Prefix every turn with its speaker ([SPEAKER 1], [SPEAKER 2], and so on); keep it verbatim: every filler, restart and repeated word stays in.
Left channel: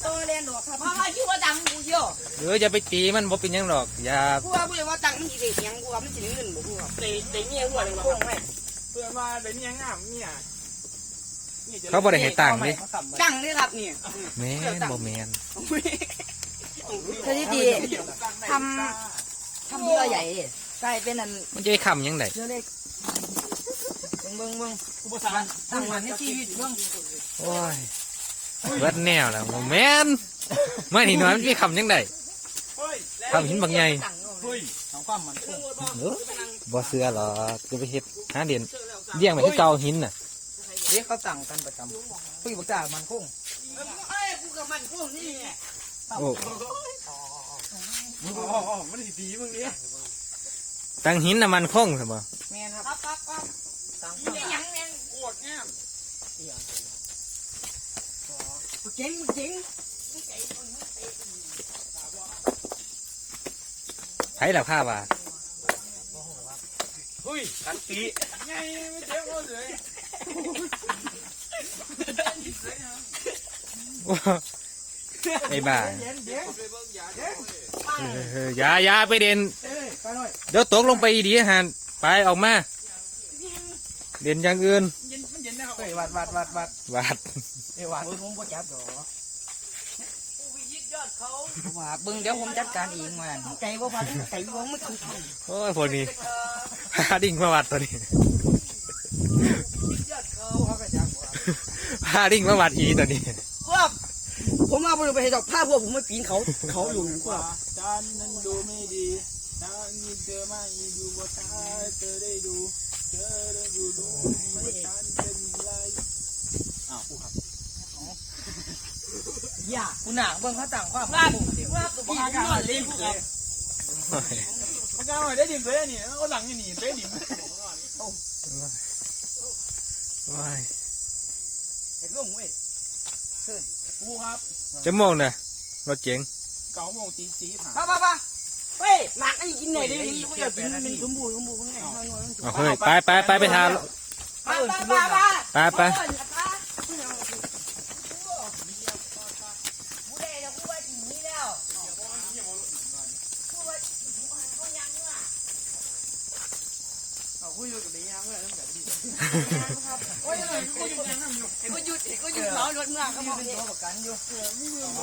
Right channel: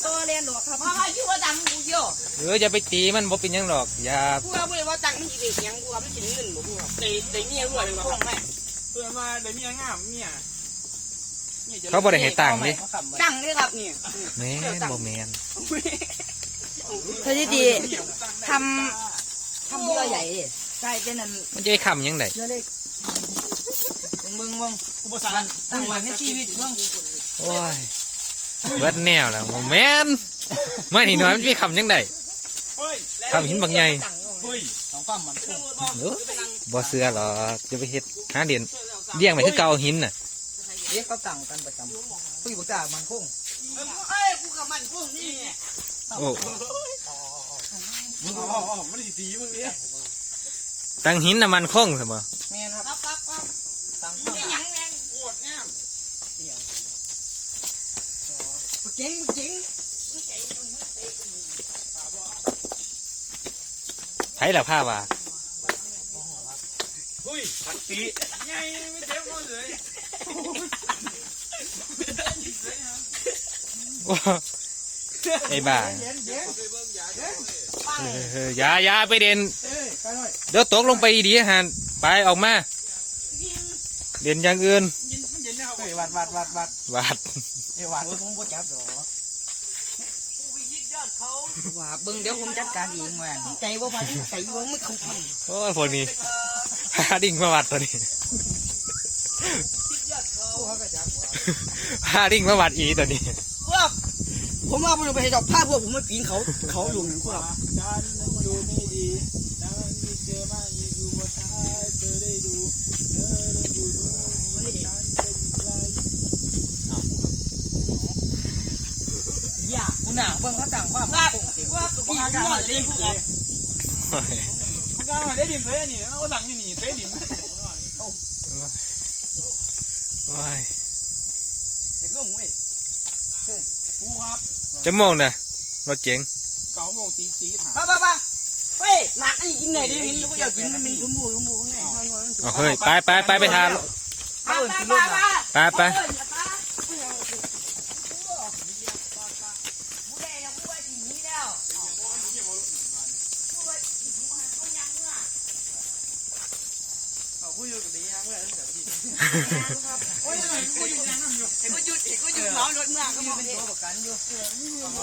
[SPEAKER 1] ตัวเรียนหรอกครับ
[SPEAKER 2] มาว่าอยู่ว่าดังกูเยอะ
[SPEAKER 3] เอออย่าไปตีมันบ่เป็นหยังหรอกอย่า
[SPEAKER 2] กูว่าไม่ว่าดังมีเด็กยังกูว่าไม่กินเงินบ่กูว่า
[SPEAKER 4] เตะเตะเนี่ยด้วยเลย
[SPEAKER 2] ค
[SPEAKER 4] ว่ะ
[SPEAKER 2] งไม่
[SPEAKER 4] เพื่อนมาเดี๋ยวนี้งามเนี่ย
[SPEAKER 3] เขาบ่ได้ให้ตังค์ดิ
[SPEAKER 2] จังเลยครับนี่
[SPEAKER 3] แม่นบ่แม่น
[SPEAKER 1] สถิติทำทำบัวใหญ่ใช่เป็นอัน
[SPEAKER 3] มันจะไปคำหยังไง
[SPEAKER 2] เมืองเมือง
[SPEAKER 4] กูภาษา
[SPEAKER 2] ตั้งมันในชีวิตเมือง
[SPEAKER 3] โอ้ยเบิดแนวแล้วบ่แม่นไม่นี่น้อยมันจะไปคำหยังไงคำหินบางใหญ่
[SPEAKER 4] เฮ้ย
[SPEAKER 2] ของความมันคง
[SPEAKER 3] เออบ่เสือหรอกจะไปเฮ็ดหาเดียนเลี้ยงไปคือเก่าหินน่ะ
[SPEAKER 2] เด็กเขาตั้งกันประจำพี่บอกแต่มันคงเอ้ยกูกับมันคงนี่
[SPEAKER 3] โอ้
[SPEAKER 4] มึงอ๋อไม่ได้ตีมึงเนี่ย
[SPEAKER 3] ตั้งหินน่ะมันคงซะบ่
[SPEAKER 2] แม่ครับครับครับตั้งไม่ยังแน่โคตรแน่เจ๋งเจ๋ง
[SPEAKER 3] ไผล่ะผ้าว่า
[SPEAKER 4] เฮ้ยตันตีไม่เจ็บเลย
[SPEAKER 3] โอ้ไอ้บ้าเอออย่าอย่าไปเด่นเดี๋ยวตกลงไปดีหันไปออกมาเด่นอย่างอื่น
[SPEAKER 2] เฮ้ยวัดวัดวัดวัด
[SPEAKER 3] วาด
[SPEAKER 2] เฮ้ยวัดผมก็จับหรอว่าเบิ่งเดี๋ยวผมจัดการเองว่าใจว่าพันใจว่าไม่คุ้มค่า
[SPEAKER 3] โอ้ยพวกนี้พาดิ่งมาวัดตัวนี้พาดิ่งมาวัดอีตัวนี้
[SPEAKER 2] ครับผมว่าผมไปเห็นดอกผ้าพวกผมไม่ปีนเขาเขาอยู่ครับ
[SPEAKER 4] จานนั้นดูไม่ดีจานนี้เจอมากยิ่งดูมาท้าเธอได้ดูเธอได้ดูดูว่าจานเป็นไรอ้าวครับ
[SPEAKER 2] อย่าคุณหนังเบิ่งเขาต่างความว่าว่าพี่กาลิงครับ
[SPEAKER 3] โอ้ย
[SPEAKER 4] มันก็ไม่ได้ดินเลยนี่เอาหลังนี่หนีไปดิน
[SPEAKER 3] โอ้ย
[SPEAKER 2] เด็กลูกเว้ยกูครับ
[SPEAKER 3] จะมองนะรถเจ๋ง
[SPEAKER 4] เก่าโมงตีสีผ่าน
[SPEAKER 2] ป้าป้าป้าเฮ้ยหนักไอ้กินไหนดิมันก็อยากกินมันสมบูรณ์สมบูรณ์ไง
[SPEAKER 3] เอาเฮ้ยไปไปไปไปทาน
[SPEAKER 2] ป้าป้าป้า
[SPEAKER 3] ไปไป